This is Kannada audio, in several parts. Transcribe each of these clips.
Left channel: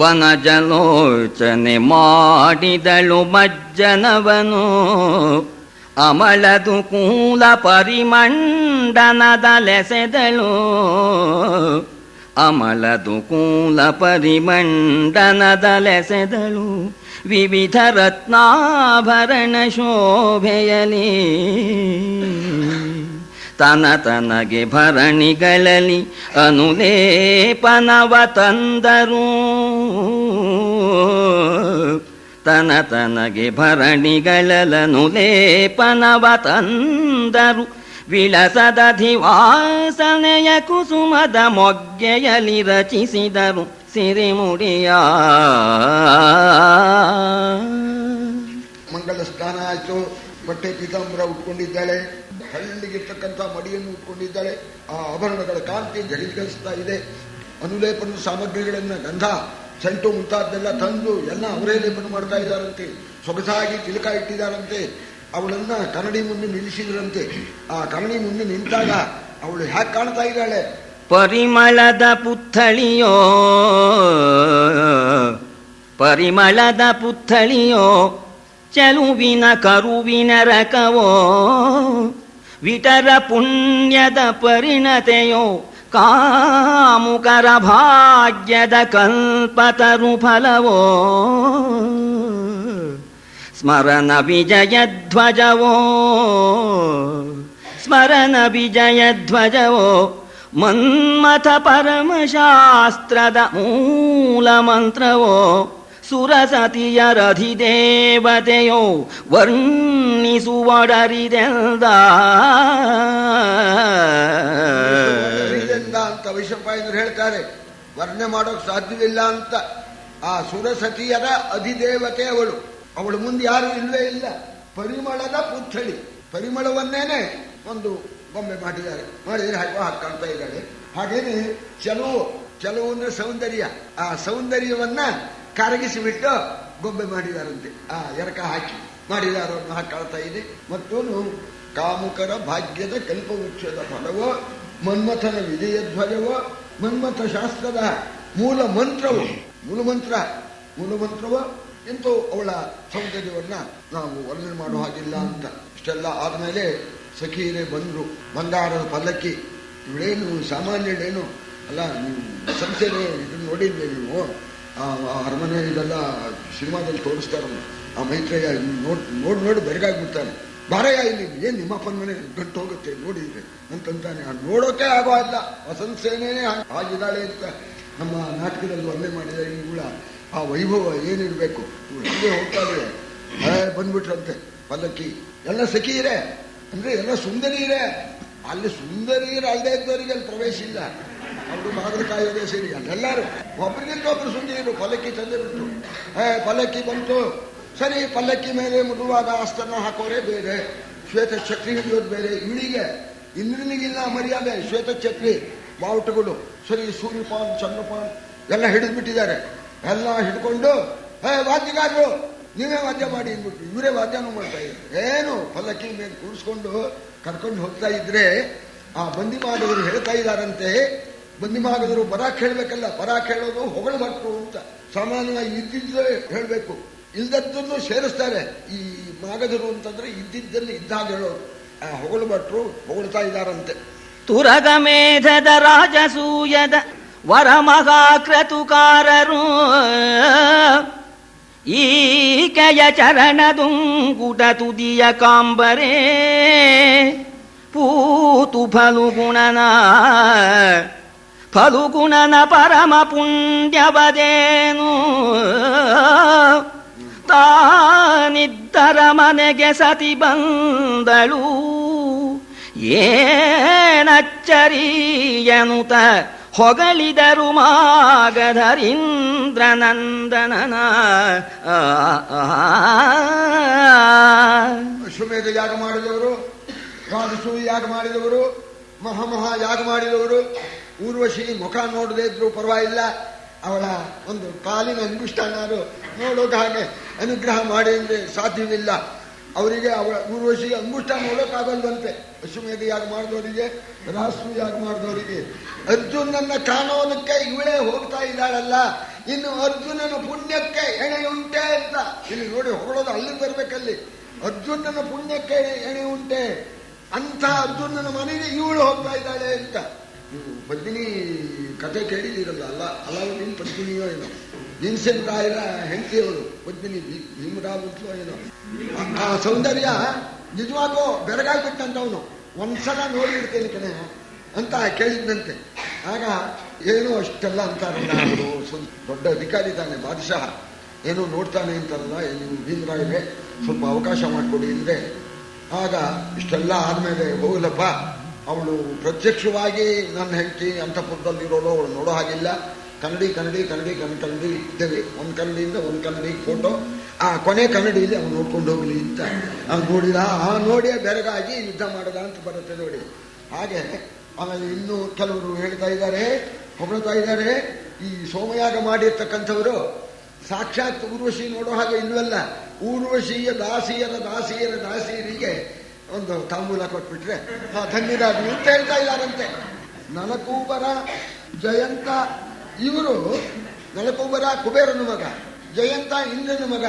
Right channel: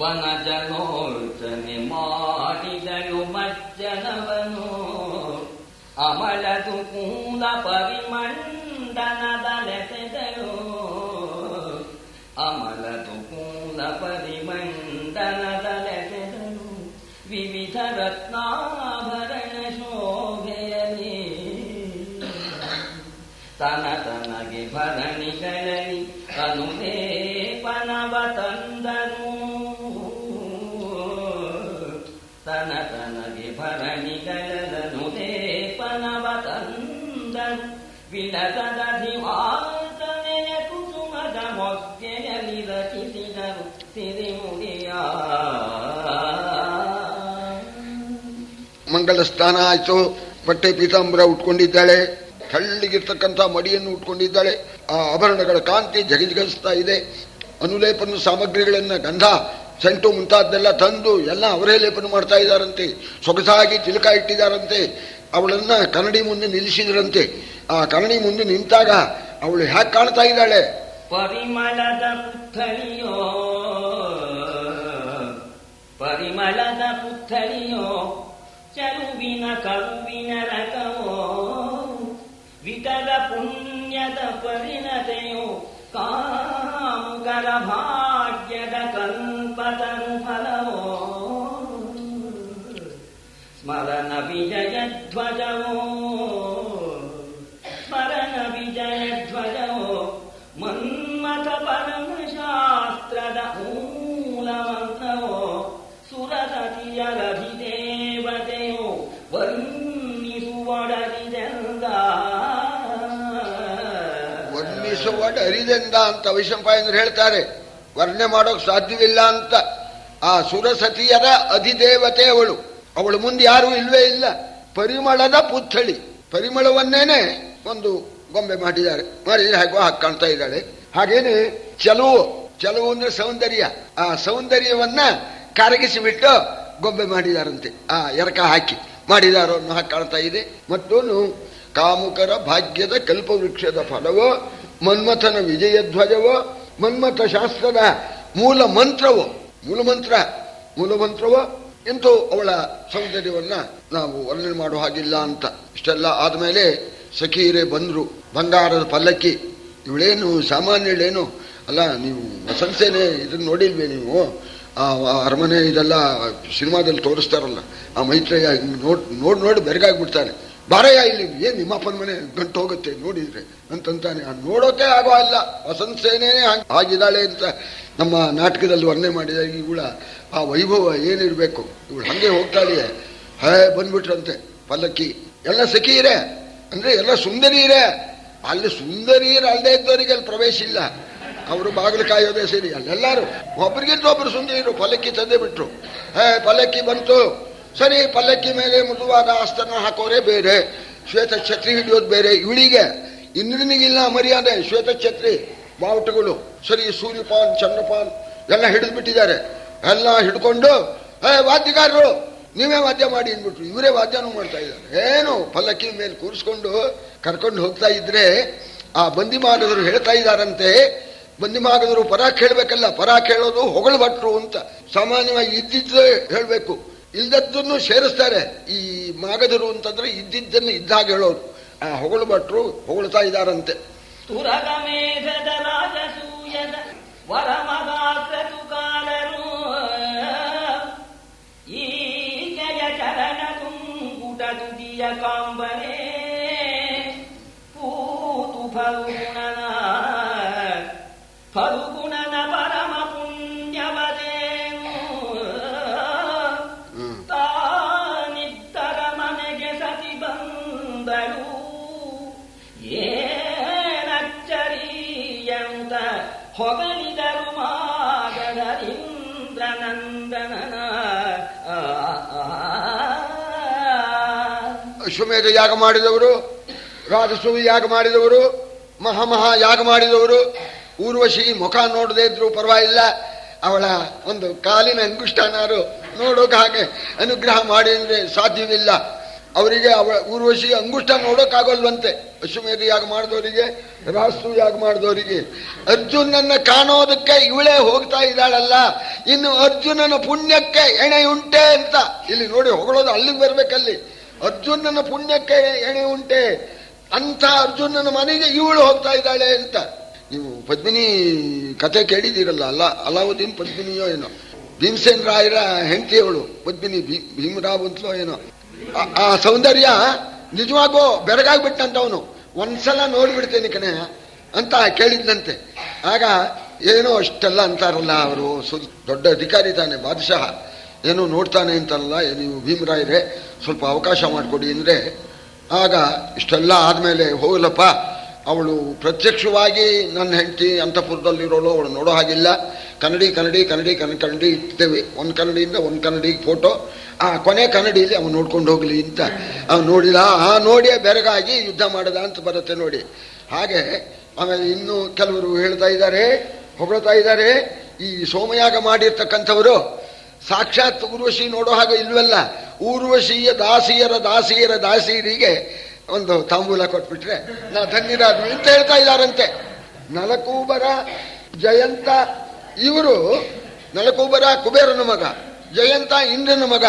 ವನಜಲೋಚನೆ ಮಾಡಿದಳು ಮಜ್ಜನವನು ಅಮಲದು ಕೂಲ ಪರಿಮಂಡನದಲೆಸೆದಳು ಅಮಲದು ಕೂಲ ಪರಿಮಂಡನದಲೆಸೆದಳು ವಿವಿಧ ರತ್ನಾಭರಣ ಶೋಭೆಯಲಿ ತನಗೆ ಭರಣಿಗಳಲ್ಲಿ ಅನುಲೇಪನವ ತಂದರು ತನಗೆ ಭರಣಿಗಳಲನುಲೇಪನವ ತಂದರು ವಿಳಸದಧಿವಾಸನೆಯ ಕುಸುಮದ ಮೊಗ್ಗೆಯಲಿ ರಚಿಸಿದರು ಸಿರಿಮುಡಿಯ ಮಂಗಲ ಸ್ನಾನ ಆಯ್ತು. ಬಟ್ಟೆ ಪೀತಾಂಬರ ಉಟ್ಕೊಂಡಿದ್ದಾಳೆ, ಹಳ್ಳಿಗಿರ್ತಕ್ಕಂಥ ಮಡಿಯನ್ನು ಉಟ್ಕೊಂಡಿದ್ದಾಳೆ. ಆ ಆಭರಣಗಳ ಕಾಂತಿ ಜಗಜಿಗಿಸ್ತಾ ಇದೆ. ಅನುಲೇಪನ ಸಾಮಗ್ರಿಗಳನ್ನ ಗಂಧ ಸೆಂಟು ಮುಂತಾದೆಲ್ಲ ತಂದು ಎಲ್ಲ ಅವರೇ ಲೇಪನ ಮಾಡ್ತಾ ಇದ್ದಾರಂತೆ. ಸೊಗಸಾಗಿ ತಿಲಕ ಇಟ್ಟಿದ್ದಾರಂತೆ. ಅವಳನ್ನ ಕನ್ನಡಿ ಮುಂದೆ ನಿಲ್ಲಿಸಿದ್ರಂತೆ. ಆ ಕನ್ನಡಿ ಮುಂದೆ ನಿಂತಾಗ ಅವಳು ಹ್ಯಾಕ್ ಕಾಣ್ತಾ ಇದ್ದಾಳೆ? ಪರಿಮಳದ ಪುತ್ಥಳಿಯೋ ಪರಿಮಳದ ಪುತ್ಥಳಿಯೋ ಚಲುವಿನ ಕರುವಿನ ರಕವೋ ವಿಟರ ಪುಣ್ಯದ ಪರಿಣತೆಯೋ ಕಾಮುಕರ ಭಾಗ್ಯದ ಕಲ್ಪತರು ಫಲವೋ ಸ್ಮರಣ ವಿಜಯಧ್ವಜವೋ ಸ್ಮರಣ ವಿಜಯಧ್ವಜವೋ ಮನ್ಮಥ ಪರಮಶಾಸ್ತ್ರದ ಮೂಲ ಮಂತ್ರವೋ ಸುರಸತಿಯರಧಿದೇವತೆಯೋ ವರ್ಣಿಸುವಡರಿದೆಂದ ಅಂತ ವೈಶಂಪಾಯನರು ಹೇಳ್ತಾರೆ. ವರ್ಣನೆ ಮಾಡೋಕ್ ಸಾಧ್ಯವಿಲ್ಲ ಅಂತ. ಆ ಸುರಸತಿಯರ ಅಧಿದೇವತೆ ಅವಳು ಮುಂದೆ ಯಾರು ಇಲ್ವೇ ಇಲ್ಲ. ಪರಿಮಳದ ಪುತ್ಥಳಿ, ಪರಿಮಳವನ್ನೇನೆ ಒಂದು ಗೊಂಬೆ ಮಾಡಿದ್ದಾರೆ. ಮಾಡಿದ್ರೆ ಹಾಗೆ ಹಾಗೆ ಕಾಣ್ತಾ ಇದ್ದಾಳೆ. ಹಾಗೇನೆ ಚಲುವು ಅಂದ್ರೆ ಸೌಂದರ್ಯ. ಆ ಸೌಂದರ್ಯವನ್ನ ಕರಗಿಸಿಬಿಟ್ಟು ಗೊಂಬೆ ಮಾಡಿದಾರಂತೆ. ಆ ಎರಕ ಹಾಕಿ ಮಾಡಿದಾರೋ ಅನ್ನೋ ಹಾಗೆ ಕಾಣ್ತಾ ಇದೆ. ಮತ್ತೊಂದು ಕಾಮುಕರ ಭಾಗ್ಯದ ಕಲ್ಪವೃಕ್ಷದ ಫಲವೋ ಮನ್ಮಥನ ವಿಜಯಧ್ವಜವೋ ಮನ್ಮಥ ಶಾಸ್ತ್ರದ ಮೂಲ ಮಂತ್ರವೋ ಮೂಲಮಂತ್ರವೋ ಎಂತೂ ಅವಳ ಸೌಂದರ್ಯವನ್ನ ನಾವು ವರ್ಣನೆ ಮಾಡೋ ಹಾಗಿಲ್ಲ ಅಂತ. ಇಷ್ಟೆಲ್ಲ ಆದ್ಮೇಲೆ ಸಖೀರೆ ಬಂದ್ರು. ಬಂಗಾರದ ಪಲ್ಲಕ್ಕಿ. ಇವಳೇನು ಸಾಮಾನ್ಯಳೇನು ಅಲ್ಲ. ನೀವು ವಸಂತಸೇನೆ ಇದನ್ನ ನೋಡಿಲ್ವೇ ನೀವು? ಆ ಅರಮನೆ ಇದೆಲ್ಲ ಸಿನಿಮಾದಲ್ಲಿ ತೋರಿಸ್ತಾರಲ್ಲ, ಆ ಮೈತ್ರೇಯ ನೋಡಿ ಬೆರಗಾಗ್ಬಿಡ್ತಾನೆ. ಬಾರಯ್ಯ ಇಲ್ಲಿ, ಏನ್ ನಿಮ್ಮಪ್ಪನ ಮನೆ ಗಂಟು ಹೋಗುತ್ತೆ ನೋಡಿದ್ರೆ ಅಂತಂತಾನೆ. ನೋಡೋಕೆ ಆಗೋ ಅಲ್ಲ, ವಸಂತಸೇನೆ ಆಗಿದ್ದಾಳೆ ಅಂತ ನಮ್ಮ ನಾಟಕದಲ್ಲಿ ವರ್ಣನೆ ಮಾಡಿದ. ಇವಳ ಆ ವೈಭವ ಏನಿರ್ಬೇಕು. ಇವಳು ಹಂಗೆ ಹೋಗ್ತಾ ಇದೆ. ಬಂದ್ಬಿಟ್ರಂತೆ ಪಲ್ಲಕ್ಕಿ. ಎಲ್ಲ ಸಖಿಯರೇ ಅಂದ್ರೆ ಎಲ್ಲ ಸುಂದರಿಯರೇ. ಅಲ್ಲಿ ಸುಂದರಿಯರು ಅಲ್ಲದೆ ಇದ್ದವರಿಗೆ ಅಲ್ಲಿ ಪ್ರವೇಶ ಇಲ್ಲ. ಅವರು ಬಾಗಿಲು ಕಾಯೋದೇ ಸೇರಿ ಎಲ್ಲರೂ ಒಬ್ಬರಿಗಿಂತ ಒಬ್ಬರು ಸುಂದರಿಯರು ಪಲ್ಲಕ್ಕಿ ತಂದೆ ಬಿಟ್ರು. ಪಲ್ಲಕ್ಕಿ ಬಂತು. ಸರಿ, ಪಲ್ಲಕ್ಕಿ ಮೇಲೆ ಮೃದುವಾದ ಆಸ್ತನ ಹಾಕೋರೆ ಬೇರೆ, ಶ್ವೇತ ಛತ್ರಿ ಹಿಡಿಯೋದು ಬೇರೆ. ಇವಳಿಗೆ ಇಂದ್ರನಿಗಿಲ್ಲ ಮರ್ಯಾದೆ. ಶ್ವೇತ ಛತ್ರಿ ಬಾವುಟಗಳು ಸರಿ, ಸೂರ್ಯಪಾನ್ ಚಂದ್ರಪಾನ್ ಎಲ್ಲ ಹಿಡಿದು ಬಿಟ್ಟಿದ್ದಾರೆ. ಎಲ್ಲ ಹಿಡ್ಕೊಂಡು ವಾದ್ಯಗಾರರು ನೀವೇ ವಾದ್ಯ ಮಾಡಿ ಅಂದ್ಬಿಟ್ರು. ಇವರೇ ವಾದ್ಯನೂ ಮಾಡ್ತಾ ಇದ್ರು. ಏನು ಪಲ್ಲಕ್ಕಿ ಮೇಲೆ ಕೂರಿಸ್ಕೊಂಡು ಕರ್ಕೊಂಡು ಹೋಗ್ತಾ ಇದ್ರೆ ಆ ಬಂದಿಮಾಗದರು ಹೇಳ್ತಾ ಇದ್ದಾರಂತೆ. ಬಂದಿಮಾಗದರು ಪರ ಕೇಳಬೇಕಲ್ಲ, ಪರ ಕೇಳೋದು ಹೊಗಳು ಭಟ್ರು ಅಂತ. ಸಾಮಾನ್ಯವಾಗಿ ಇದ್ದಿದ್ದು ಹೇಳ್ಬೇಕು, ಇಲ್ದದ್ದನ್ನು ಸೇರಿಸ್ತಾರೆ. ಈ ಮಾಗದರು ಅಂತಂದ್ರೆ ಇದ್ದಿದ್ದನ್ನು ಇದ್ದಾಗ ಹೇಳೋರು. ಆ ಹೊಗಳು ಭಟ್ರು ಹೊಗಳ್ತಾ ಇದ್ದಾರಂತೆ. ತುರಗ ಮೇಧದ ರಾಜಸೂಯದ ವರಮಹಾಕ್ರತುಕಾರರು ಈಕೆಯ ಚರಣದುಂಗುಟ ತುದಿಯ ಕಾಂಬರೇ ಪೂತು ಫಲುಗುಣನ ಪರಮ ಪುಣ್ಯವದೇನು ತಾನಿದ್ದರ ಮನೆಗೆ ಸತಿ ಬಂದಳು ಏನಚ್ಚರಿಯನುತ ಹೊಗಳಿದರು ಮಾಗಧರೀಂದ್ರನಂದನನ. ಅಶ್ವಮೇಧ ಯಾಗ ಮಾಡಿದವರು, ರಾಜಸೂಯ ಯಾಗ ಮಾಡಿದವರು, ಮಹಾ ಯಾಗ ಮಾಡಿದವರು. ಊರ್ವಶಿ ಮುಖ ನೋಡದೇ ಇದ್ರು ಪರವಾಗಿಲ್ಲ, ಅವಳ ಒಂದು ಕಾಲಿನ ಅಂಗುಷ್ಠನಾರು ನೋಡೋಕೆ ಹಾಗೆ ಅನುಗ್ರಹ ಮಾಡಿ ಅಂದ್ರೆ ಸಾಧ್ಯವಿಲ್ಲ. ಅವರಿಗೆ ಊರ್ವಶಿ ಅಂಗುಷ್ಟ ನೋಡೋಕ್ಕಾಗಲ್ವಂತೆ. ಅಶ್ವಮೇಧ ಯಾಗ ಮಾಡಿದವರಿಗೆ, ರಾಸು ಯಾಗ ಮಾಡಿದವರಿಗೆ. ಅರ್ಜುನನ್ನ ಕಾಣೋದಕ್ಕೆ ಇವಳೇ ಹೋಗ್ತಾ ಇದ್ದಾಳಲ್ಲ, ಇನ್ನು ಅರ್ಜುನನ ಪುಣ್ಯಕ್ಕೆ ಎಣೆ ಉಂಟೆ ಅಂತ ಇಲ್ಲಿ ನೋಡಿ ಹೊಗಳೋದು. ಅಲ್ಲಿಗೆ ಬರ್ಬೇಕಲ್ಲಿ. ಅರ್ಜುನನ ಪುಣ್ಯಕ್ಕೆ ಎಣೆ ಉಂಟೆ ಅಂತ ಅರ್ಜುನನ ಮನೆಗೆ ಇವಳು ಹೋಗ್ತಾ ಇದ್ದಾಳೆ ಅಂತ. ನೀವು ಪದ್ಮಿನಿ ಕತೆ ಕೇಳಿದ್ದೀರಲ್ಲ, ಅಲಾವುದ್ದೀನ್ ಪದ್ಮಿನಿಯೋ ಏನೋ, ಭೀಮಸೇನ್ ರಾಯರ ಹೆಂಡತಿಯವಳು ಪದ್ಮಿನಿ, ಭೀಮರಾವ್ ಅಂತಲೋ ಏನೋ. ಆ ಸೌಂದರ್ಯ ನಿಜವಾಗೋ ಬೆರಗಾಗ್ಬಿಟ್ಟಂತವನು. ಒಂದ್ಸಲ ನೋಡ್ಬಿಡ್ತೇನೆ ಕಣೆ ಅಂತ ಕೇಳಿದ್ನಂತೆ. ಆಗ ಏನೋ ಅಷ್ಟೆಲ್ಲ ಅಂತಾರಲ್ಲ, ಅವರು ದೊಡ್ಡ ಅಧಿಕಾರಿ ತಾನೆ, ಬಾದಶಾಹ, ಏನೋ ನೋಡ್ತಾನೆ ಅಂತಾರಲ್ಲ, ನೀವು ಭೀಮರಾಯರೇ ಸ್ವಲ್ಪ ಅವಕಾಶ ಮಾಡಿಕೊಡಿ ಅಂದರೆ, ಆಗ ಇಷ್ಟೆಲ್ಲ ಆದಮೇಲೆ ಹೋಗಲಪ್ಪ, ಅವಳು ಪ್ರತ್ಯಕ್ಷವಾಗಿ ನನ್ನ ಹೆಂಡತಿ ಅಂತಃಪುರದಲ್ಲಿರೋಳು, ಅವಳು ನೋಡೋ ಹಾಗಿಲ್ಲ, ಕನ್ನಡಿ ಇಡ್ತೇವೆ, ಒಂದು ಕನ್ನಡಿಯಿಂದ ಒಂದು ಕನ್ನಡಿಗೆ ಫೋಟೋ, ಆ ಕೊನೆ ಕನ್ನಡಿಯಲ್ಲಿ ಅವನು ನೋಡ್ಕೊಂಡು ಹೋಗಲಿ ಅಂತ. ಅವನು ನೋಡಿದ, ಆ ನೋಡಿಯೇ ಬೆರಗಾಗಿ ಯುದ್ಧ ಮಾಡಿದ ಅಂತ ಬರುತ್ತೆ ನೋಡಿ. ಹಾಗೆ ಆಮೇಲೆ ಇನ್ನೂ ಕೆಲವರು ಹೇಳ್ತಾ ಇದ್ದಾರೆ, ಹೊಗಳ್ತಾ ಇದ್ದಾರೆ, ಈ ಸೋಮಯಾಗ ಮಾಡಿರ್ತಕ್ಕಂಥವರು ಸಾಕ್ಷಾತ್ ಊರ್ವಶಿ ನೋಡೋ ಹಾಗೆ ಇಲ್ವಲ್ಲ, ಊರ್ವಶಿಯ ದಾಸಿಯರಿಗೆ ಒಂದು ತಾಂಬೂಲ ಕೊಟ್ಬಿಟ್ರೆ ನಾ ಧನ್ಯರಾದ್ವಿ ಅಂತ ಹೇಳ್ತಾ ಇದ್ದಾರಂತೆ. ನಲಕೂಬರ ಜಯಂತ ಇವರು, ನಲಕೂಬರ ಕುಬೇರನ ಮಗ, ಜಯಂತ ಇಂದ್ರನ ಮಗ,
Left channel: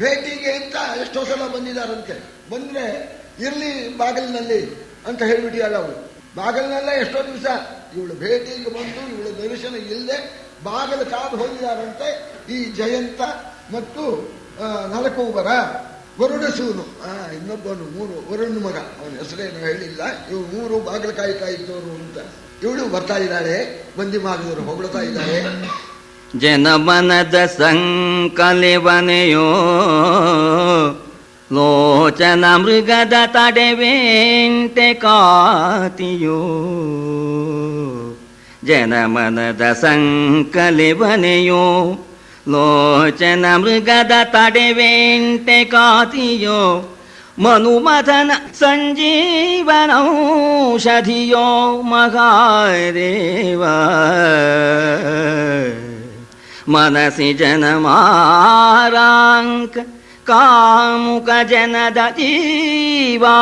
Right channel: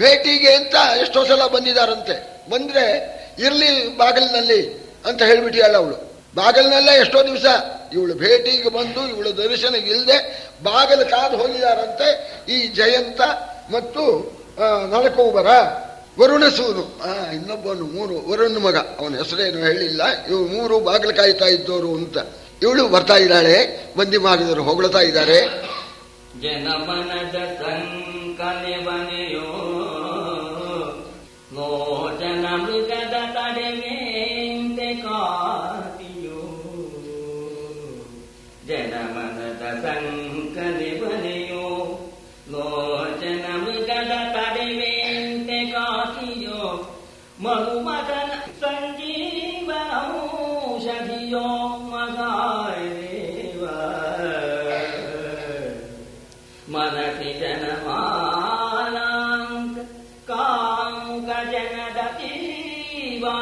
ಭೇಟಿಗೆ ಅಂತ ಎಷ್ಟೋ ಸಲ ಬಂದಿದ್ದಾರಂತೆ. ಬಂದ್ರೆ ಇರ್ಲಿ ಬಾಗಿಲಿನಲ್ಲಿ ಅಂತ ಹೇಳ್ಬಿಟ್ಟಿಯಾಳ ಅವಳು. ಬಾಗಿಲಿನಲ್ಲೇ ಎಷ್ಟೋ ದಿವಸ ಇವಳು ಭೇಟಿಗೆ ಬಂದು ಇವಳು ದರ್ಶನ ಇಲ್ಲದೆ ಬಾಗಿಲು ಕಾದು ಹೋಗಿದಾರಂತೆ ಈ ಜಯಂತ ಮತ್ತು ನಲಕೂಬರ. ವರುಣಸೂರು ಇನ್ನೊಬ್ಬನು, ಮೂರು ವರುಣ ಮಗ, ಅವನ ಹೆಸರೇನು ಹೇಳಿಲ್ಲ. ಇವ್ರು ಮೂರು ಬಾಗಿಲು ಕಾಯ್ತಾ ಇದ್ದವರು ಅಂತ. ಇವಳು ಬರ್ತಾ ಇದ್ದಾಳೆ, ಮಂದಿ ಮಾಡಿದವರು ಹೊಗಳ್ತಾ ಇದ್ದಾರೆ. ಜನಮನದ ಸಂಕಲೆವನೆಯೋ ಲೋಚನ ಮೃಗದ ತಡೆವೆಂಟೆ ಕಾತಿಯೋ. ಜನಮನದ ಸಂಕಲೆವನೆಯೋ ಲೋಚನ ಮೃಗದ ತಡೆವೆಂಟೆ ಕಾತಿಯೋ. ಮನುಮಥನ ಸಂಜೀವನೌಷಧಿಯೋ ಮಹಾದೇವ. ಮನಸಿ ಜನಮಾರಾಂಕ ಕಾಮುಕ ಜನದ ಜೀವಾರ್ಥಕ್ಕೆ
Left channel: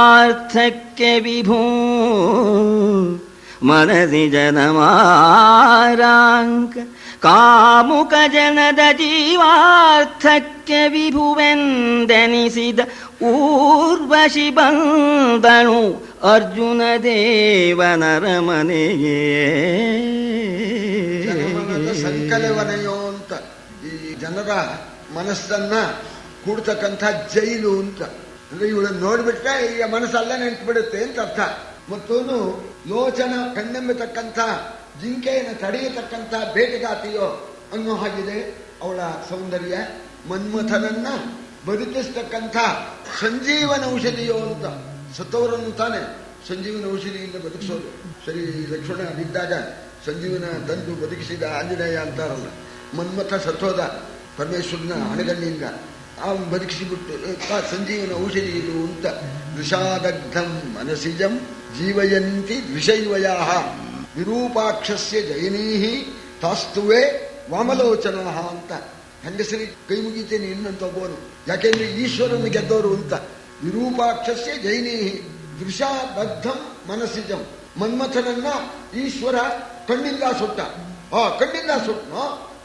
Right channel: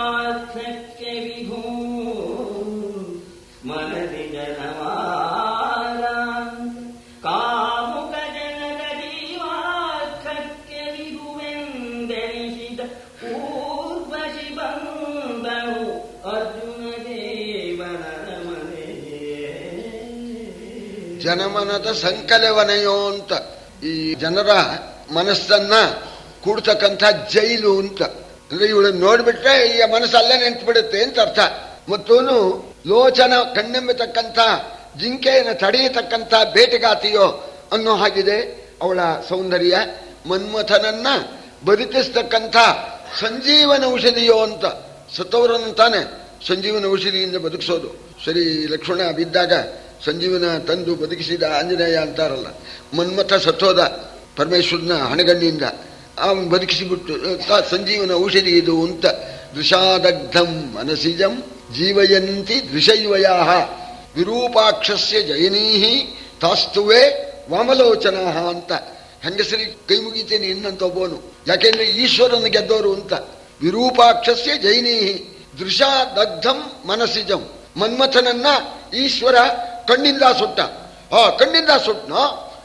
ವಿಭೂ. ಮನಸಿ ಜನಮಾರಾಂಕ ಕಾಮುಕ ಜನದ ಜೀವಾರ್ಥಕ್ಕೆ ವಿಭುವೆಂದೆನಿಸಿದ ಊರ್ವಶಿ ಬಂದನು ಅರ್ಜುನ ದೇವನರ ಮನೆಯೇ. ಜನಮನದ ಸಂಕಲವನೆಯೋ ಅಂತ, ಈ ಜನರ ಮನಸ್ಸನ್ನ ಕೂಡ್ತಕ್ಕಂಥ ಜೈಲು ಅಂತ. ಅಂದ್ರೆ ಇವಳನ್ನು ನೋಡ್ಬಿಟ್ರೆ ಈ ಮನಸ್ಸಲ್ಲೇ ನಿಂತು ಬಿಡುತ್ತೆ ಅಂತ ಅರ್ಥ. ಮತ್ತೂನು ಲೋಚನ ಕಣ್ಣೆಂಬತಕ್ಕಂಥ ಜಿಂಕೆಯನ್ನು ತಡೆಯತಕ್ಕಂಥ ಬೇಟೆಗಾತಿಯೋ ಅನ್ನೋ ಹಾಗಿದೆ ಅವಳ ಸೌಂದರ್ಯ. ಮನ್ಮಥನನ್ನ ಬದುಕಿಸ್ತಕ್ಕಂಥ ಸಂಜೀವನ ಔಷಧಿಯೋ ಅಂತ. ಸತ್ತವರನ್ನು ತಾನೆ ಸಂಜೀವನ ಔಷಧಿಯಿಂದ ಬದುಕಿಸೋದು. ಸರಿ, ಲಕ್ಷ್ಮಣ ಬಿದ್ದಾಗ ಸಂಜೀವನ ತಂದು ಬದುಕಿಸಿದ ಆಂಜನೇಯ ಅಂತಾರಲ್ಲ, ಮನ್ಮಥ ಸತ್ತೋದ ಪರಮೇಶ್ವರನ ಹಣಗಣ್ಣಿಯಿಂದ, ಅವನು ಬದುಕಿಸಿಬಿಟ್ಟು ಸಂಜೀವನ ಔಷಧಿ ಇದು ಅಂತ. ವಿಷಾದಗ್ಧಂ ಮನಸಿಜಂ ಜೀವಯಂತಿ ದ್ವಿಷೈವಯಾ ವಿರೂಪಾಕ್ಷಸ್ಯ ಜಯನೀಹಿ ತಾಸ್ತುವೆ ವಾಮಲೋಚನಾ ಅಂತ. ಹೆಂಗಸರಿಗೆ ಕೈ ಮುಗಿತೇನೆ ಇನ್ನಂತ ಒಬ್ಬನು, ಯಾಕೆಂದ್ರೆ ಈಶ್ವರನ ಗೆದ್ದವರು ಅಂತ. ವಿರೂಪಾಕ್ಷಸ್ಯ ಜೈನೀಹಿ ದೃಶಾದಗ್ಧಂ ಮನಸಿಜಂ. ಮನ್ಮಥನನ್ನ ಈಶ್ವರ ಕಣ್ಣಿಂದ ಸುಟ್ಟ. ಕಣ್ಣಿಂದ ಸುಟ್ನೋ,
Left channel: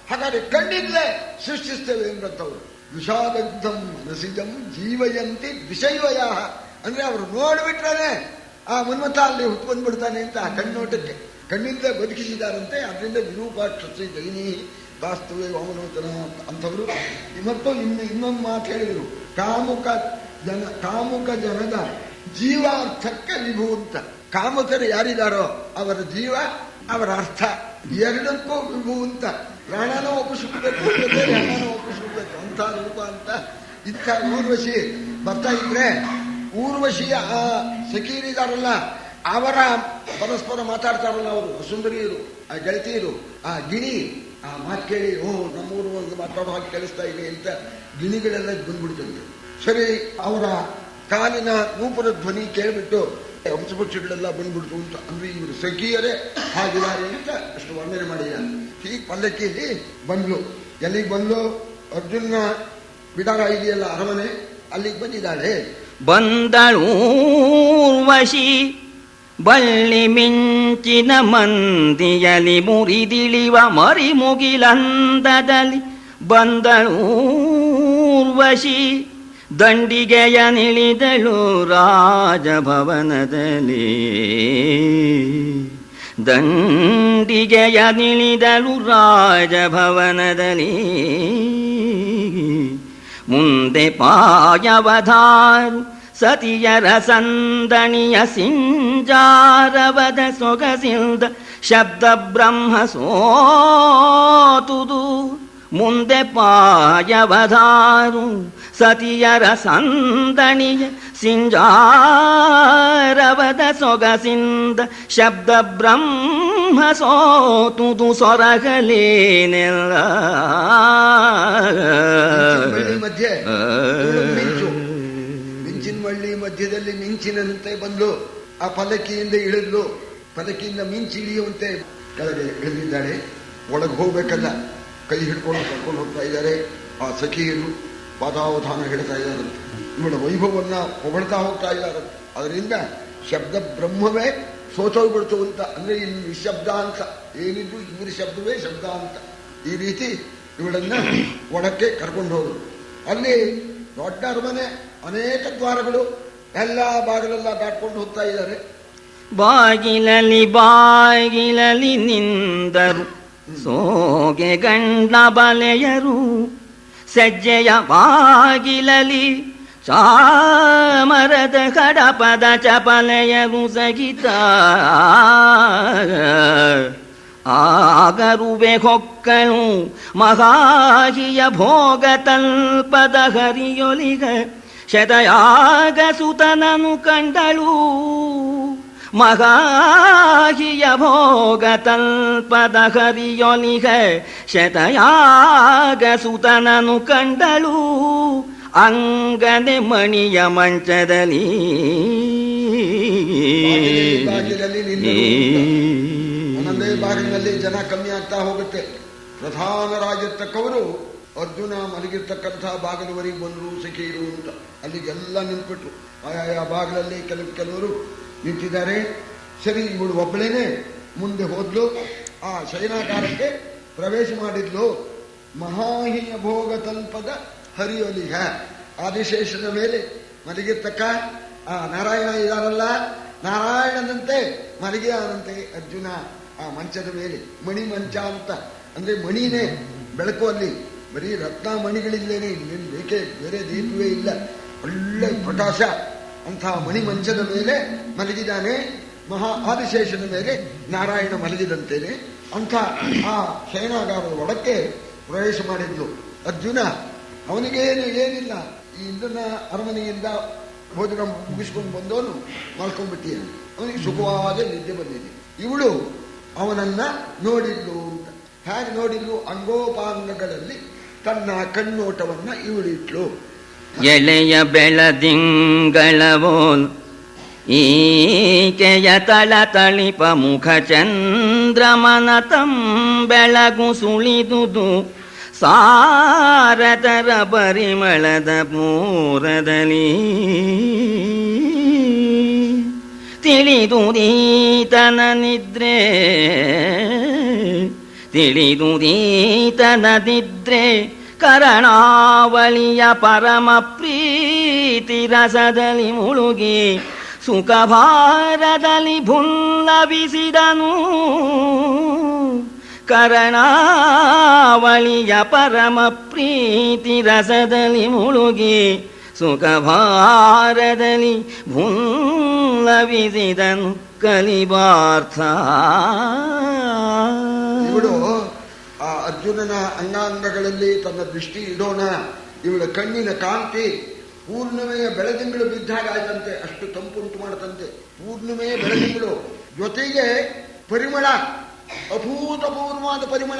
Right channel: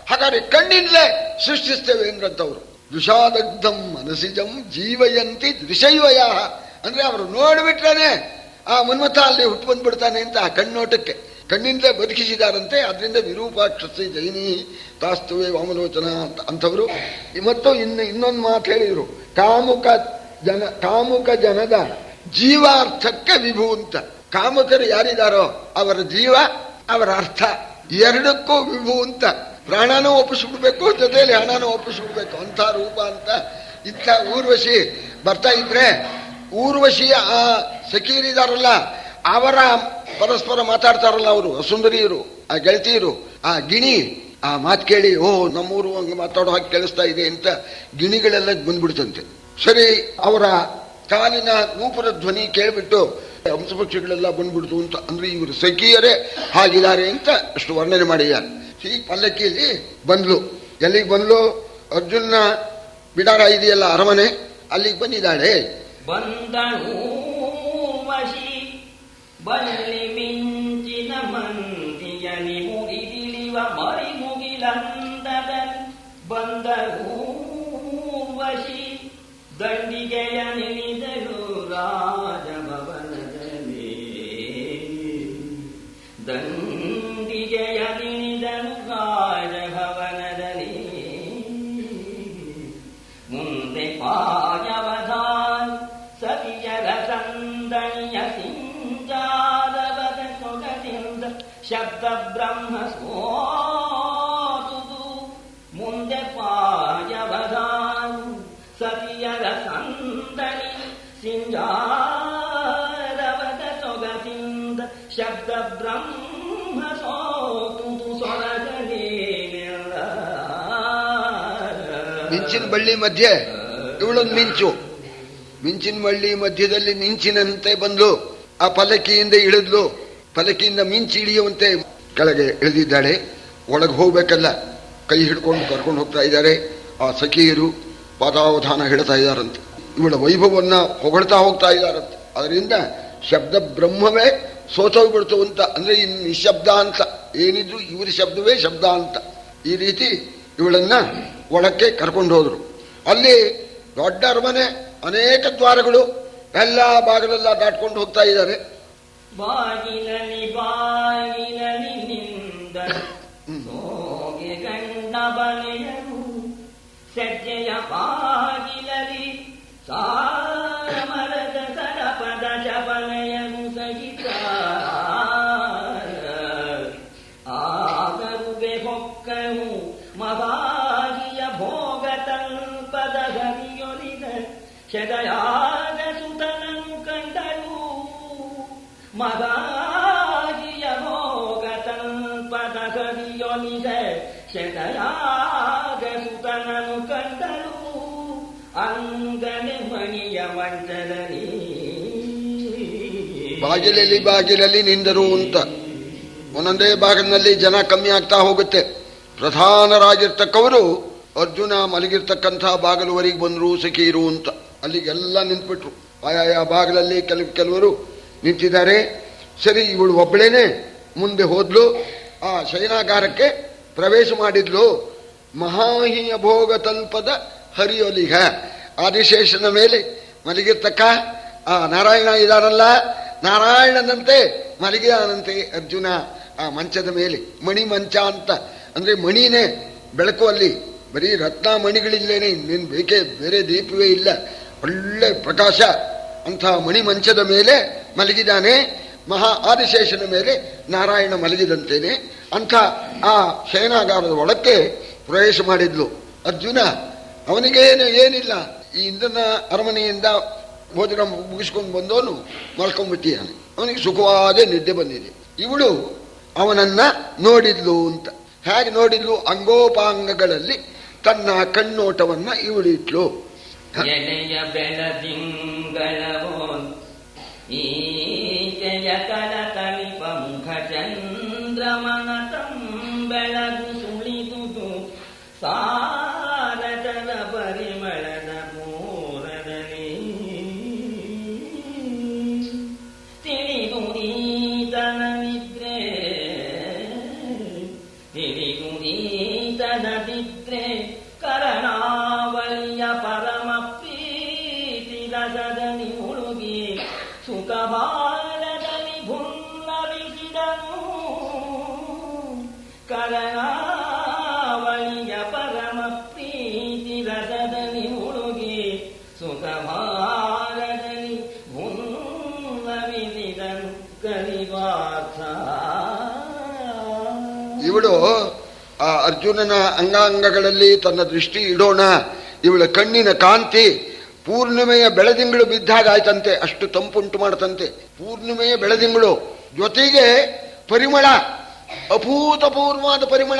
ಹಾಗಾದ್ರೆ ಕಣ್ಣಿಂದಲೇ ಸೃಷ್ಟಿಸ್ತೇವೆ ಎಂದ್ರಂತವ್ರು. ದುಷಾದಗ್ಧಂ ಮನಸಿಜಂ ಜೀವಯಂತಿ ದ್ವಿಷೈವಯ ಅಂದ್ರೆ ಅವರು ನೋಡ್ಬಿಟ್ರೇನೆ ಆ ಮನ್ಮಥ ಅಲ್ಲಿ ಹುಟ್ಕೊಂಡ್ ಬಿಡ್ತಾನೆ ಅಂತ. ಆ ಕಣ್ಣೋಟಕ್ಕೆ ಕಣ್ಣಿಂದಲೇ ಬದುಕಿಸಿದಾರಂತೆ. ಅದರಿಂದ ವಿರೂಪಾಕ್ಷಸ್ಯ ಜೈನಿ ತಾಸ್ತುವೆ ವಾಮಲೋಚನ ಅಂತವರು. ಮತ್ತು ಇನ್ನೊಂದು ಮಾತು ಹೇಳಿದ್ರು, ಕಾಮುಕ ಜನದ ಜೀವಾರ್ಥಕ್ಕೆ ವಿಭು ಅಂತ. ಕಾಮಕರು ಯಾರಿದಾರೋ ಅವರ ಜೀವ, ಅವರ ಅರ್ಥ ಎರಡಕ್ಕೂ ವಿಭು ಅಂತ. ಪ್ರಾಣನೂ ಒಪ್ಪಿಸ್ಬಿಡ್ಬೇಕು, ಜೊತೆಯಲ್ಲಿ ಹಣನೂ ಒಪ್ಪಿಸ್ಬಿಡ್ಬೇಕು ಅಂತ ರೂಪ ಅಂತ. ಇಂಥ ಊರ್ವಶಿ ಬರ್ತಾ ಇದ್ರೆ, ಊರ್ವಶಿಯ ಆ ಸಖೀರಿದಾರಲ್ಲ ಅವರ ಪರಸ್ಪರ ಮಾತಾಡ್ತಾರಲ್ಲ ಅವರು ಸುಂದರಿಯರು, ಆ ಗೆಳತಿಯರು, ಆ ಗಿಣಿ ಆ ಮಾತು ಕೇಳಿ ನಮ್ಮೂರು ಮಾತಾಡೋ ಹಾಗೆ ಕೇಳಿಸ್ತಾ ಇದೆ ಅಂತ ಗಿಣಿಗಳೆಲ್ಲ ಬಂದ್ಬಿಡ್ತಂತೆ. ಸರಿ, ಅವರ ಕಾಲಿನ ನೂಪುರ ಧ್ವನಿ ಕೇಳಿಬಿಟ್ಟು ಹಂಸಪಕ್ಷಿಗಳೆಲ್ಲ ಬಂದ್ಬಿಡ್ತು ಅಂತ. ಅಂದ್ರೆ ಇವರು ಸಖಿಯರೇ ಹಾಗಿದ್ದಾರೆ ಅಂತ ಅಷ್ಟು ವರ್ಣನೆ ಮಾಡಿದ್ದಾರೆ. ಈ ಪಲ್ಲಕ್ಕಿಯಲ್ಲಿ ಬಂದ್ಲು. ಎಲ್ಲಿಗೆ ಬಂದ್ಲು? ಅರ್ಜುನ ಬಿಡಾರ ಇದೆಯಲ್ಲ ಅರಮನೆ, ಅಲ್ಲಿಗೆ ಬಂದಿದ್ದಾಳೆ. ಬಂದಳೂರ್ವಶಿ ಬಳ್ಳಿ ಮಿಂಚಿನ ಮಂದಿಯಲಿ ಮುರಿದಿಳಿವ ಮರಿಮುಗಿಲಂದದಲ್ಲಿ ಬಂದಳೂರ್ವಶಿ ದಂಡಿಗೆಯ ನಿಳಿದಳು ರಾಜಭವನದಲ್ಲಿ ದಂಡಿಗೆಯ ನಿಳಿದಳು ರಾಜಭವನದಲ್ಲಿ ಮುಂದೆ ಪಾಯವಧಾರು ಸತಿಯರ ಸಂದಣಿಯ ಸಿಂಜಾರವದ ಸೊಗಸಿಲ್ದ ಶಬ್ದ ಬ್ರಹ್ಮ ಸೋತುದು ಮುಂದೆ ಪಾಯವಧಾರು ಸತಿಯರ ಸಂದಣಿಯ ಸಿಂಜಾರವದ ಸೊಗಸಿಂದ ಶಬ್ದ ಬ್ರಹ್ಮ ಸೋತುದು ಸೊರಗಲೇನೆಲ್ಲ ಬಳ್ಳಿ ಮಧ್ಯೆ ಮಿಂಚು ಮಿಂಚಿನ ಬಳ್ಳಿ ಮಧ್ಯದಲ್ಲಿ ಮಿಂಚಿನಂತೆ ಬಂದ್ಲು ಆ ಪಲ್ಲಕ್ಕಿಯಿಂದ ಇಳಿದ್ಲು ಪಲ್ಲಕ್ಕಿಯಿಂದ ಮಿಂಚಿ ಇಳಿಯುವಂತೆ ಕೆಳಗೆ ಇಳಿದಿದ್ದಾಳೆ ಒಳಗೆ ಹೋಗ್ಬೇಕಲ್ಲ ಕೈ ಹಿಡ್ಕೊಂಡು ಕರ್ಕೊಂಡು ಹೋಗ್ತಾ ಇದ್ದಾರೆ ಆ ಸಖಿಯರು ಪಾದಾವಧಾನ ಹೇಳ್ತಾ ಇದ್ದಾರಂತೆ ಇವಳ ವೈಭವನ್ನ ಹೊಗಳ್ತಾ ಹೋಗ್ತಾ ಇದ್ದಾರಂತೆ ಅದರಿಂದ ಶಬ್ದ ಬ್ರಹ್ಮವೇ ಸೋತೋಗ್ಬಿಡ್ತು ಅಂತ ಅಂದ್ರೆ ಇನ್ನು ನಿಶಬ್ದ ಅಂತ ಏನಿದ್ರು ಇವ್ರ ಶಬ್ದವೇ ಶಬ್ದ ಅಂತ ಈ ರೀತಿ ಇವಳನ್ನ ಒಳಕ್ಕೆ ಕರ್ಕೊಂಡು ಹೋದ್ರು ಅಲ್ಲಿ ದೊಡ್ಡ ಅರಮನೆ ಅನೇಕ ದ್ವಾರಗಳು ಎಲ್ಲ ಬಾಗಿಲೆಲ್ಲ ದಾಟ್ಕೊಂಡು ಹೋಗ್ತಾ ಇದ್ದಾರೆ ಬಾಗಿಲಲ್ಲಿ ಬಾಗಿಲಲ್ಲಿ ನಿಂದರು ಸೋಗೆ ಗಂಡ ಬಲೆಯರು ಸಜ್ಜೆಯ ಬಾಗಿಲಲಿ ಚಾಮರದ ಕಡಪದ ಚಪಲೆಯರು ಸಹಿತ ಆಗರುವೆ ಹೊಕ್ಕಳು ಮಹಾಹಿಯ ಭೋಗ ತಲ್ಪದ ಹರಿಯೊಲಿಗ ಶತಯಾಗ ಸುತನನು ಕಂಡಳು ಮಹಾಹಿಯ ಭೋಗ ತಲ್ಪದ ಹರಿಯೊಲಿಗ ಶತಯಾಗ ಸುತನನು ಕಂಡಳು ಅಂಗನೆ ಮಣಿಯ ಮಂಚದಲ್ಲಿ ಬಾಗಿಲಲ್ಲಿ ನಿಂದರು ಅಂತ ಒಂದೊಂದೇ ಬಾಗಿಲಿನಲ್ಲಿ ಜನ ಕಮ್ಮಿ ಆಗ್ತಾ ಹೋಗುತ್ತೆ ಪ್ರಧಾನರಾಗಿರ್ತಕ್ಕವರು ಅರ್ಜುನ ಮಲಗಿರ್ತಕ್ಕಂಥ ಬಾಗಿಲುವರೆಗೆ ಬಂದರು ಸಖೀರು ಅಂತ ಅಲ್ಲಿಗೆಲ್ಲ ನಿಂತ್ಬಿಟ್ರು ಆಯಾಯ ಬಾಗಿಲಲ್ಲಿ ಕೆಲವರು ನಿಂತಿದ್ದಾರೆ ಸರಿ ಇವಳು ಒಬ್ಬಳೇನೆ ಮುಂದೆ ಹೋದ್ಲು ಆ ಶಯನಾಗಾರಕ್ಕೆ ಪ್ರವೇಶ ಮಾಡಿದ್ಲು ಮಹಾಹಿಯ ಭೋಗ ತಲ್ಪದ ಹರಿಯೊಲಿಗ ಆದಿಶೇಷನ ಮೇಲೆ ಮಲಗಿರ್ತಕ್ಕ ಆ ನಾರಾಯಣ ಇದಾರಲ್ಲ ನಾರಾಯಣನಂತೆ ಮಲಗಿದಾನಂತೆ ಅರ್ಜುನ ಆ ಮಂಚದ ಮೇಲೆ ಮಣಿ ಮಂಚ ಅಂತ ಅಂದ್ರೆ ಮಣಿನೇ ಬೆಳಕು ಅಲ್ಲಿ ಬರೀ ರತ್ನ ಮಣಿಗಳಿಲ್ಲೇನೆ ಇನ್ನೇನು ಬೇಕೇ ಬೇರೆ ದೀಪವೇ ಇಲ್ಲ ಒಳ್ಳೆ ಪ್ರಕಾಶ ಅಂಥ ಮಣಿ ಮಂಚದ ಮೇಲೆ ಮಲಗಿದಾನೆ ಮಹಾ ಆದಿಶೇಷನ ಮೇಲೆ ನಾರಾಯಣ ಮಲಗಿದಂತೇನೆ ಅಂಥ ಆ ಶಯನಾಗಾರದ ಒಳಕ್ಕೆ ಪ್ರವೇಶ ಮಾಡಿದ್ಲು ಅರ್ಜುನ ಅವನಿಗೇನು ಏನಿಲ್ಲ ಈ ಇಂದ್ರನ ಅರಮನೆಯಿಂದ ಭೋಜನ ಮುಗಿಸ್ಕೊಂಡು ಬಂದವನು ಮಲ್ಕೊಂಡ್ಬಿಟ್ಟಿದ್ದಾನೆ ಅವನಿಗೆ ಸುಖವಾದ ನಿದ್ದೆ ಬಂದಿದೆ ಇವಳು ಅವನನ್ನ ನೋಡಿದ್ಲು ಅಂತ ಹೇಗೆ ನೋಡಿದ್ಲು ಅಂಗೋಪಾಂಗಗಳಲ್ಲಿ ತನ್ನ ಕಣ್ಣೋಟವನ್ನ ಇವಳಿಟ್ಲು ಎಳೆಯ ಬೆಳದಿಂಗಳವೋಲ್ ಈಕೆಯ ತಳತಳಿಪ ಮುಖ ಚಂದ್ರಮನ ತಂಬೆಳಗು ಸುಳಿದುದು ಸಾರದರ ಪರಿಮಳದ ಪೂರದಲ್ಲಿ ತಿಳಿದುದೀತನ ನಿದ್ರೆ ಕರಣಾವಳಿಯ ಪರಮ ಪ್ರೀತಿ ರಸದಲ್ಲಿ ಮುಳುಗಿ ಸುಖಭಾರದಲ್ಲಿ ಭುನ್ನವಿಸಿದನು ಕರಣಾವಳಿಯ ಪರಮ ಪ್ರೀತಿ ರಸದಲ್ಲಿ ಮುಳುಗಿ ಸುಖಭಾರದಲ್ಲಿ ಭುನ್ನವಿಸಿದನು ಕಲಿಬಾರ್ಥ ಇವಳು ಆ ಅರ್ಜುನನ ಅಂಗಾಂಗಗಳಲ್ಲಿ ತನ್ನ ದೃಷ್ಟಿ ಇಡೋಣ ಇವಳ ಕಣ್ಣಿನ ಕಾಂತಿ ಪೂರ್ಣಿಮೆಯ ಬೆಳದಿಂಗಳು ಬಿದ್ದಾಗ ಆಯ್ತಂತೆ ಅಷ್ಟು ತಂಪುಂಟು ಮಾಡತಂತೆ ಪೂರ್ಣಿಮೆಯ ಬೆಳದಿಂಗಳು ಜೊತೆಗೆ ಪರಿಮಳ ಅಭೂತಪೂರ್ವವಾದ ಪರಿಮಳ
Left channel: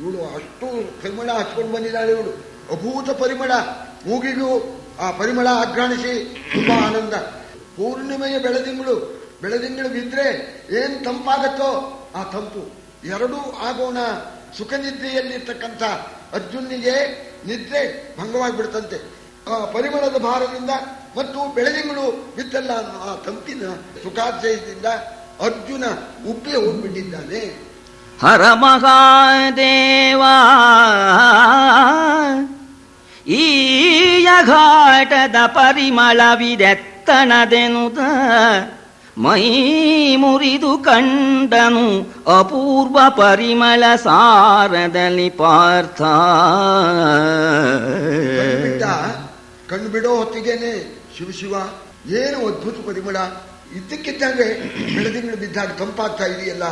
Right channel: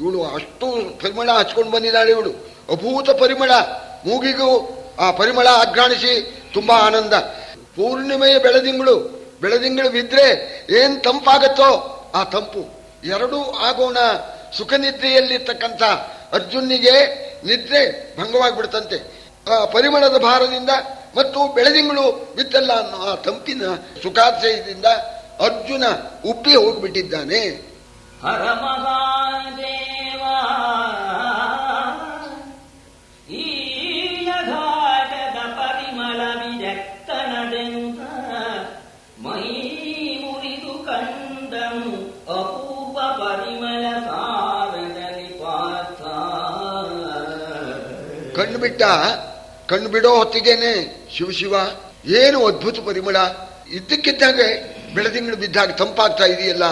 ಇವಳು ಅಷ್ಟು ಪರಿಮಳ ಹಚ್ಕೊಂಡು ಬಂದಿದ್ದಾಳೆ ಇವಳು ಅಭೂತ ಪರಿಮಳ ಮೂಗಿಗೂ ಆ ಪರಿಮಳ ಅಘ್ರಾಣಿಸಿ ತುಂಬಾ ಆನಂದ ಪೂರ್ಣಿಮೆಯ ಬೆಳದಿಂಗಳು ಬಿದ್ರೆ ಏನ್ ತಂಪಾಗತ್ತೋ ಆ ತಂಪು ಎರಡೂ ಆಗೋಣ ಸುಖ ನಿದ್ರೆಯಲ್ಲಿರ್ತಕ್ಕಂಥ ಅರ್ಜುನಿಗೆ ನಿದ್ರೆ ಭಂಗವಾಗಿಬಿಡ್ತಂತೆ ಪರಿಮಳದ ಭಾರದಿಂದ ಮತ್ತು ಬೆಳದಿಂಗಳು ಬಿತ್ತಲ್ಲ ಅನ್ನೋ ಆ ತಂಪಿನ ಸುಖಾಶಯದಿಂದ ಅರ್ಜುನ ಉಪ್ಪಿ ಹೋಗ್ಬಿಟ್ಟಿದ್ದಾನೆ. ಹರ ಮಹಾದೇವ ಈ ಘಾಟದ ಪರಿಮಳವಿದೆತ್ತಣದೆನುತ ಮೈ ಮುರಿದು ಕಂಡನು ಅಪೂರ್ವ ಪರಿಮಳ ಸಾರದಲ್ಲಿ ಪಾರ್ಥ. ಕಣ್ಣು ಬಿಡೋ ಹೊತ್ತಿಗೆನೆ ಶಿವ ಏನು ಅದ್ಭುತ ಪರಿಮಳ, ಇದ್ದಕ್ಕಿದ್ದಂಗೆ ಬೆಳದಿಂಗಳು ಬಿದ್ದಾಗ ತಂಪಾಗ್ತಾ ಇದೆಯಲ್ಲ,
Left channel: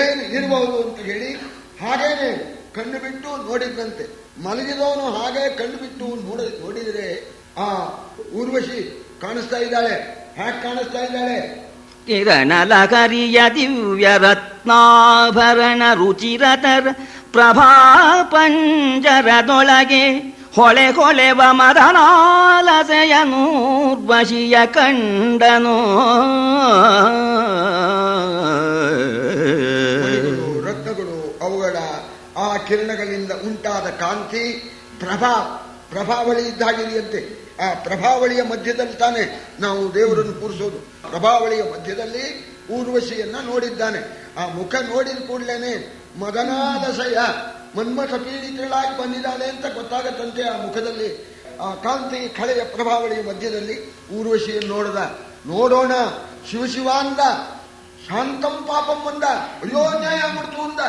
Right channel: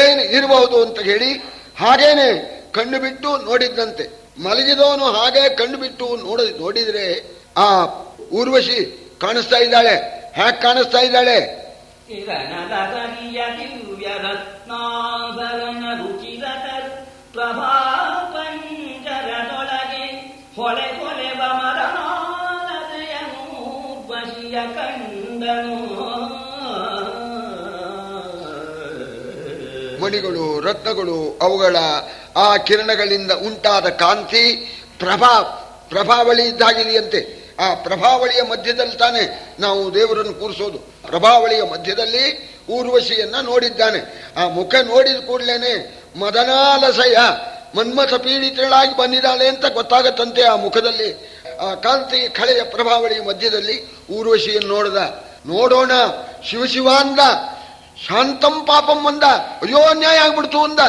ಏನು ಇರಬಹುದು ಅಂತ ಹೇಳಿ ಹಾಗೇನೆ ಕಣ್ಣು ಬಿಟ್ಟು ನೋಡಿದ್ದಂತೆ. ಮಲಗಿದವನು ಹಾಗೆ ಕಣ್ಣು ಬಿಟ್ಟು ನೋಡಿದ್ರೆ ಆ ಊರ್ವಶಿ ಕಾಣಿಸ್ತಾ ಇದ್ದಾಳೆ. ಹ್ಯಾಕ್ ಕಾಣಿಸ್ತಾ ಇದ್ದಾಳೆ? ಕಿರಣಲಕರಿಯ ದಿವ್ಯ ರತ್ನಾಭರಣ ರುಚಿರತರ ಪ್ರಭಾ ಪಂಜರದೊಳಗೆ ಹೊಳೆ ಹೊಳೆವ ಮದನಾಲಸೆಯನೂರ್ವಶಿಯ ಕಂಡನು. ಮಣಿಗಳು, ರತ್ನಗಳು, ಅವುಗಳ ಆ ಕಿರಣಗಳಿಂದ ಉಂಟಾದ ಕಾಂತಿ ಪ್ರಭಾವಳಿ ಇದ್ದಾಗಿದೆಯಂತೆ. ಆ ಪ್ರಭಾವಳಿಯ ಮಧ್ಯದಲ್ಲಿ ತಾನೇ ನಾವು ದೇವರನ್ನು ಕೂರಿಸೋದು. ಪ್ರಭಾವಳಿಯ ಮಧ್ಯದಲ್ಲಿ ಊರ್ವಶಿಯನ್ನ ನೋಡಿದ್ದಾನೆ. ಆ ಮುಖ ನೋಡಿದ ಕೂಡಲೇನೆ ಮದನಾಲಸಯ ಮನ್ಮಥ ಪೀಡಿತಳಾಗಿ ಬಂದಿದ್ದಾಳೆ ಅಂತ ಗೊತ್ತಾಗತ್ತಂತೆ. ಆ ಮುಖದಲ್ಲಿ ಆ ಕಾಂತಿ ಕಳೆಯ ಪ್ರಭಾವಳಿಯ ಮಧ್ಯದಲ್ಲಿ ಊರ್ವಶಿಯನ್ನು ನೋಡೋಣ ಶಿವ ಅಂದ. ಶಾಂತಂ ಪಾಪಂ ಅಂದ. ಅಯ್ಯೋ ಅನ್ಯಾಯ ಆಗ್ಬಿಡ್ತು ಅಂದ.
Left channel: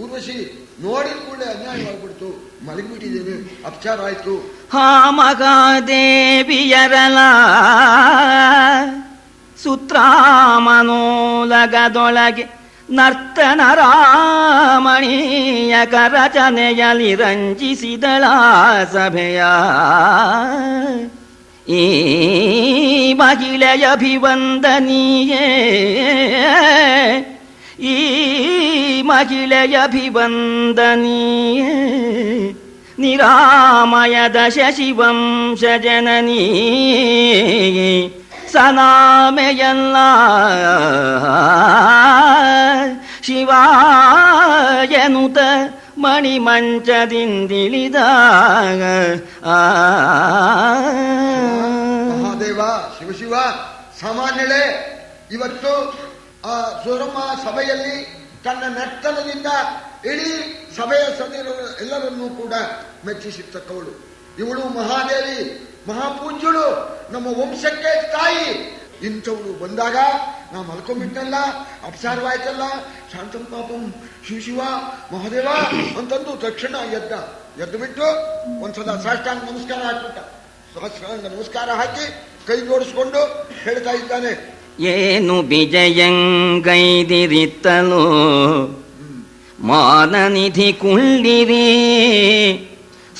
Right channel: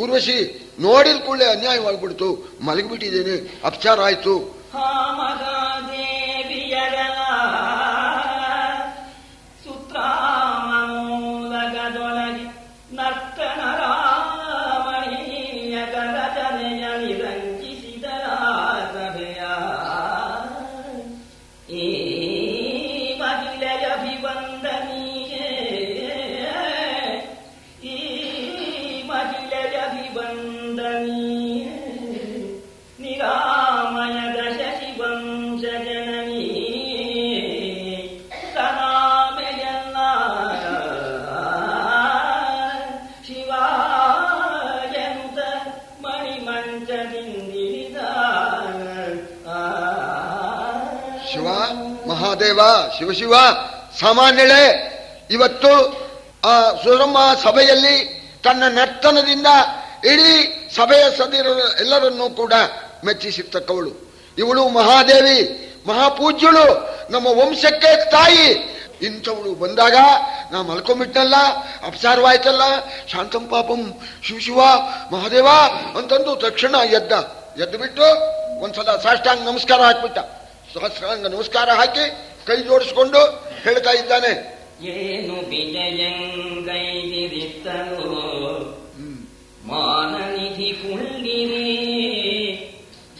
ಊರ್ವಶಿ ನೋಡಿದ ಕೂಡಲೇ ಅನ್ಯಾಯವಾಗ್ಬಿಡ್ತು, ಮಲಗಿಬಿಟ್ಟಿದ್ದೇನೆ, ಅಪಚಾರ ಆಯ್ತು. ಹಾ ಮಗಾದೇವಿಯರಲ ಸುತ್ರಾಮನೋಲಗದೊಳಗೆ ನರ್ತನ ರಾಮಣೀಯ ಕರಚನೆಯಲಿ ರಂಜಿಸಿದಳ ಸಭೆಯ. ಈ ಮಹಿಳೆಯಭಿವಂದನೀಯೇ, ಈ ಮಹಿಳೆಯಭಿವಂದನೀಯೇ ನಿರಾಮಯದ ಶಶಿವಂಶ ಜನನೀ ಸನಾಮೆಯಲ್ಲ ಶಿವಾಯನುತ ಮಣಿಮಂಚದಿಂದಿಳಿದಾಗ. ಮಹಾದೇವ ಶಿವ ಸಾಮಾನ್ಯಳೆ ಇವತ್ತು ಆ ಸುರಮ್ಮ ಸಭೆಯಲ್ಲಿ ತನ್ನ ನರ್ತನದಿಂದ ಇಡೀ ಸಭೆಯ ಸದಸ್ಯರು ಎಲ್ಲರನ್ನೂ ಕೂಡ ಮೆಚ್ಚಿಸಿರ್ತಕ್ಕವಳು. ಇವಳು ಮಹಾದೇವಿ, ಮಹಾಪೂಜ್ಯಳು, ನಮ್ಮ ವಂಶಕ್ಕೆ ತಾಯಿ. ಇಂಥವಳು ಬಂದಾಗ ನಾ ಮಲ್ಕೊಂಡ್ಬಿಟ್ಟಲ್ಲ, ಅಪಚಾರವಾಯ್ತಲ್ಲ, ಶಾಂತಂ ಪಾಪಂ ಶಿವ ಮಹಾದೇವ ಅಂತಂದು ತಕ್ಷಣ ಎದ್ದು ಬಿಟ್ಟು ಒಂದ್ಸಲ ಸಾಷ್ಟಾಂಗ ನಮಸ್ಕಾರ ಹಾಕ್ಬಿಟ್ಟ. ಸಹಸ್ರಾಂಗ ನಮಸ್ಕಾರ ಹಾಕಿ ಕೈ ಜೋಡಿಸ್ಕೊಂಡು ಹೇಳ್ತಾ ಇದ್ದಾನೆ, ಏನು ಬಿಜಯಂಗೈದಿರಿತ್ತಲು ಮಾನನಿಧಿ ಕುಳ್ಳಿರಿ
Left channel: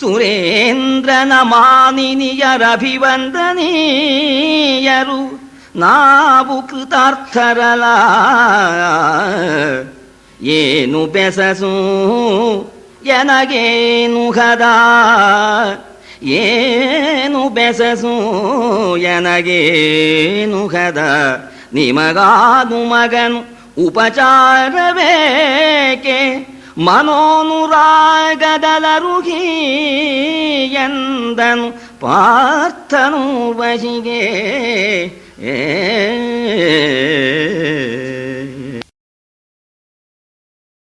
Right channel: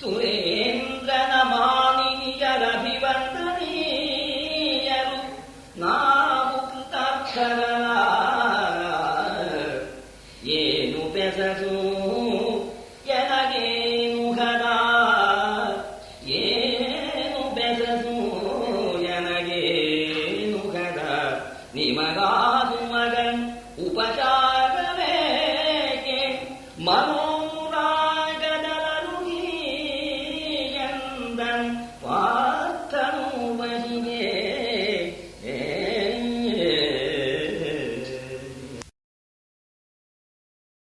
ಸುರೇಂದ್ರನ ಮಾನಿನಿಯರಭಿವಂದನೀಯರು ನಾವು ಕೃತಾರ್ಥರಲ. ಏನು ಬೆಸಸು ಎನಗೇನು ಹದ, ಏನು ಬೆಸಸು ಎನಗೇನು ಹದ, ನಿಮಗಾದು ಮಗನು ಉಪಚಾರವೇಕೆ ಮನೋನುರಾಗದಲರುಗಿ ಎಂದನು ಪಾರ್ಥನು ವಶಿಗೆ.